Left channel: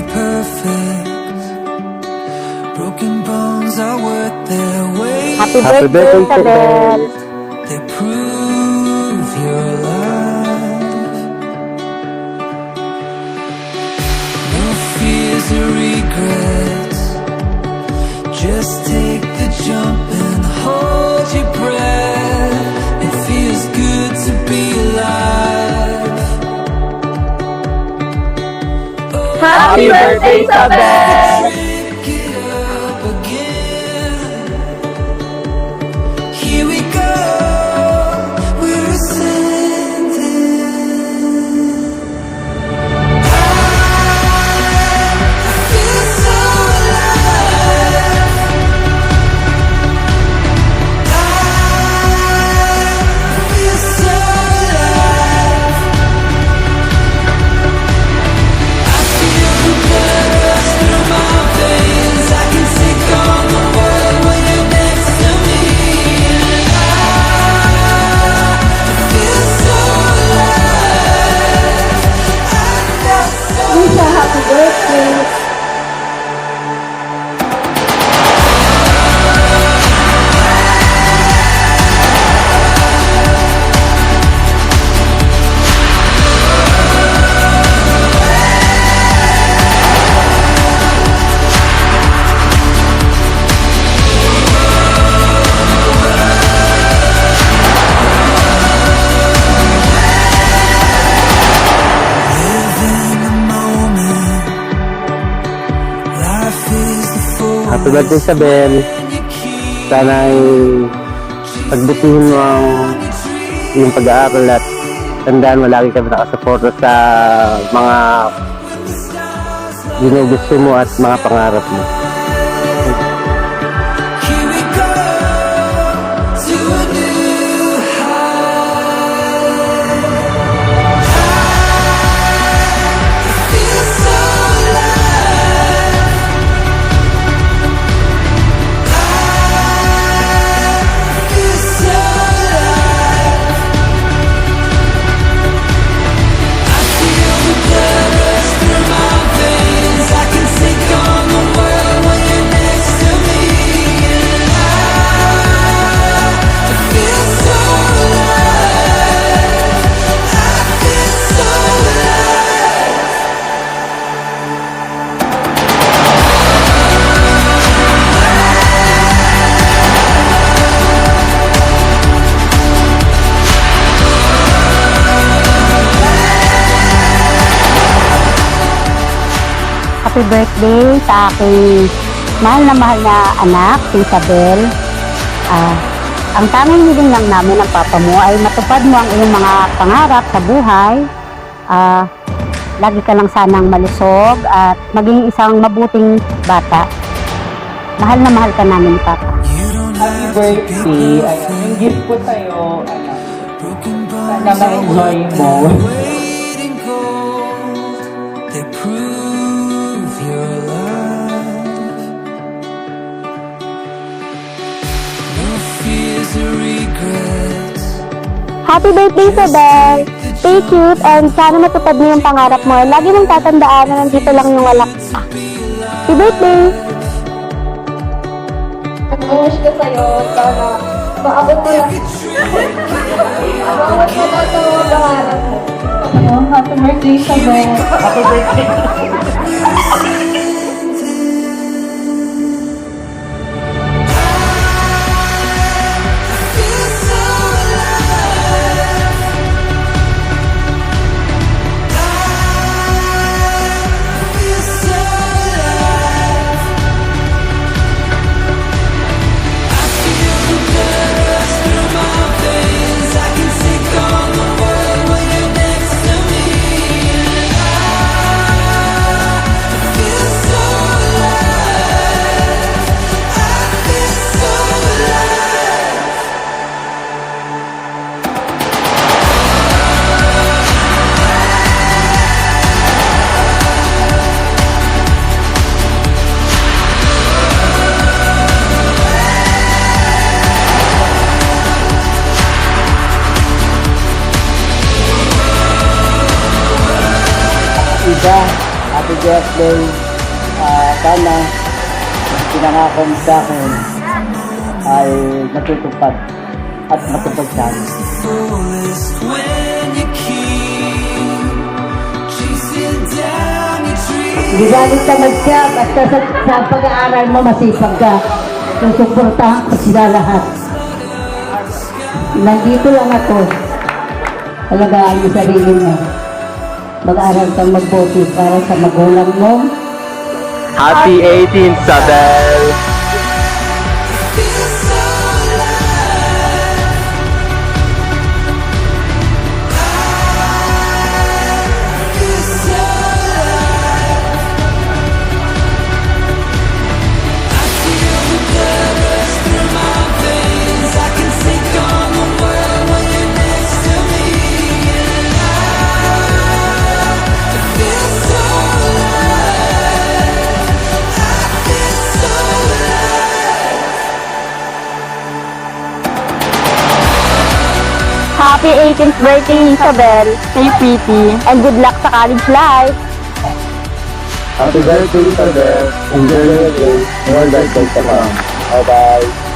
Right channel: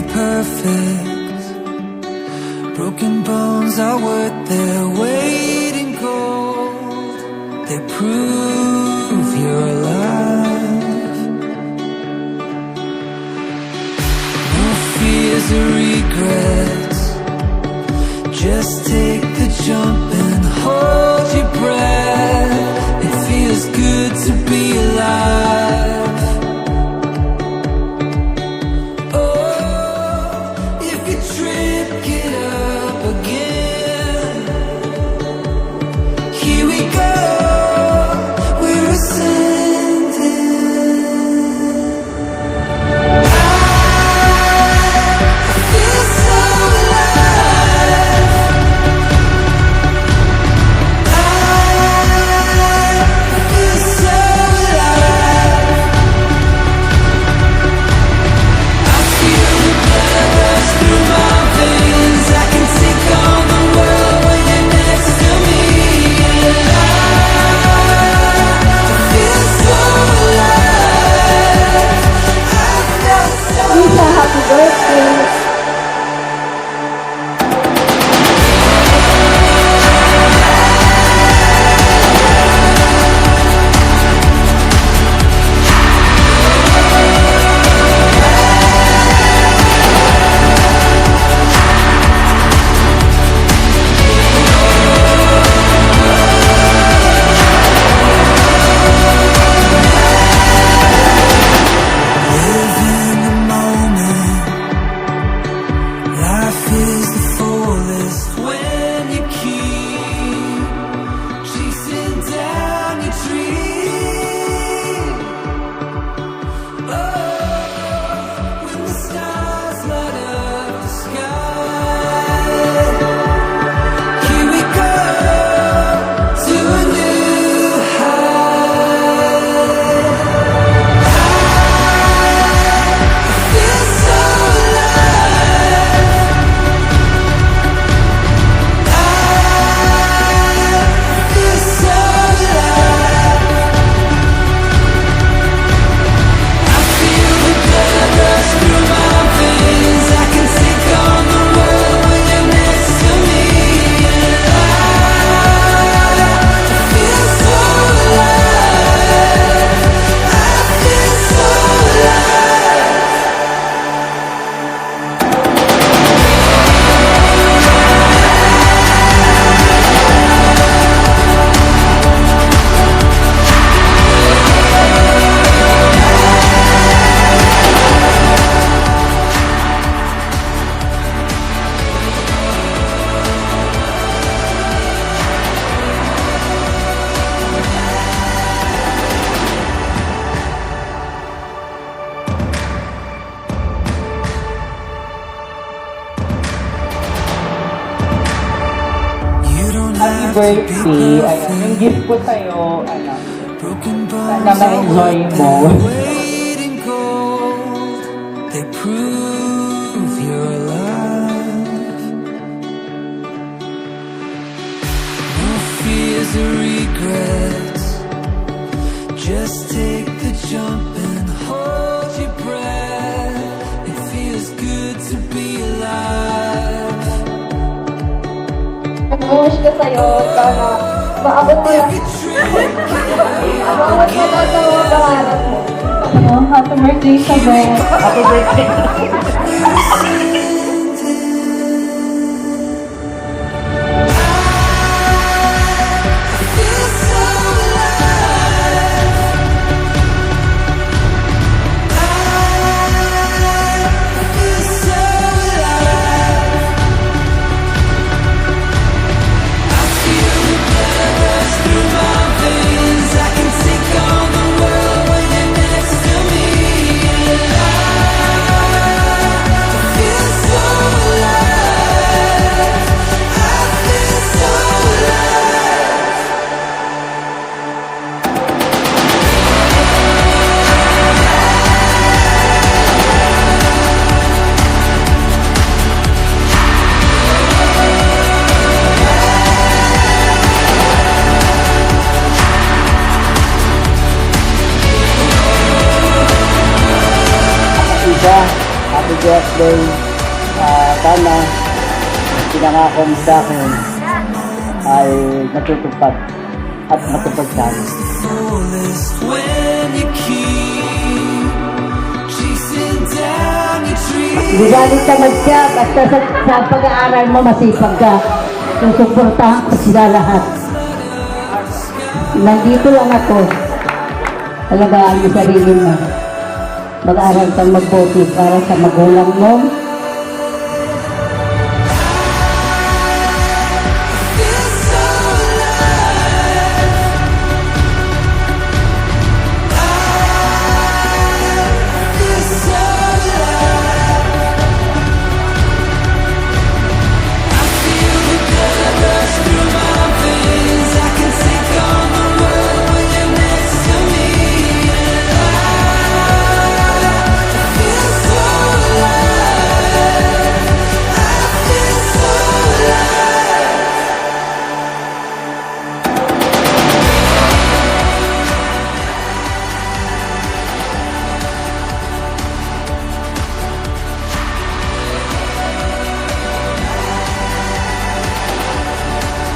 be perfect. Broken bones are worth their weight. Happy birthday, Isabel. They prove you're alive. No fears or regrets. Just take the jump and hold your breath. It feels good to be alive. Oh, Happy birthday, Isabel. trip, get up again. Here we go, we're ascending. I feel so alive. I feel so alive. I feel the blood rush through my veins. I can take on the world when you're next to me. And I feel so alive. I feel so Lisa, happy birthday. live in the moment. Life is the Happy birthday, fullest Isabel. when you keep Sana ay pagbutihin mo ang iyong pag-aaral at tandaan mo lagi kami nakasuporta sa mga ginugusto mo at mga pangarap mo. Here we go to a new high. I feel so alive. I feel so alive. I feel the blood rush through my veins. I can take on the world when you're next to me. And I feel so alive. I feel so alive. Happy birthday sa aking mahal na anak, si Isabel. Ang tanging hiling lang namin ng papa mo ay matupad mo ang iyong mga pangarap sa buhay. Lagi ka lang sanang malusog at maging isang mabuting bata. Mahal na mahal ka namin, Papa. You don't Happy have to be birthday. Ayan, yung perfect. gift ko sa'yo, Broken sana bones are ma-enjoy worth mo. their weight in gold. They prove you're alive. No fears or regrets. Happy birthday, Isabel! Stay cute and sana matupad mo yung pangarap mo. Lagi mong tatandaan na nandito lang yung anak mo. Happy birthday! Nag-wish ko sa'yo, sana maabot mo lang. Maabot mo lang sa mga pangarap mo. Happy birthday, Isabel. Happy birthday. I feel so alive. I feel so alive. I feel the blood rush through my veins. I can take on the world when you're next to me. And I feel so alive. I feel so alive. Ida, happy happy birthday. Sana pinangako mo sa akin ay natutupad at matupad sana. Fullest when you keep chasing down your dreams. Hindi galing tamad ka, basta sa pag-aaral mo masipag ka. Susuportahan ko sila lahat. Nandito lang ako. Alagaan mo sarili mo. Mag-aral kang magbuti para sa magulang mo. Happy 18th, Sabel! Feel so alive. I feel so alive. I feel the blood rush through my veins. I can take on the world when you're next to me. And I feel so alive. I feel so alive. Happy 18th birthday, Isabel. Kay Piti. And good luck sa college life. Happy birthday, Sabel! Enjoy your day. Well done, Bye-bye.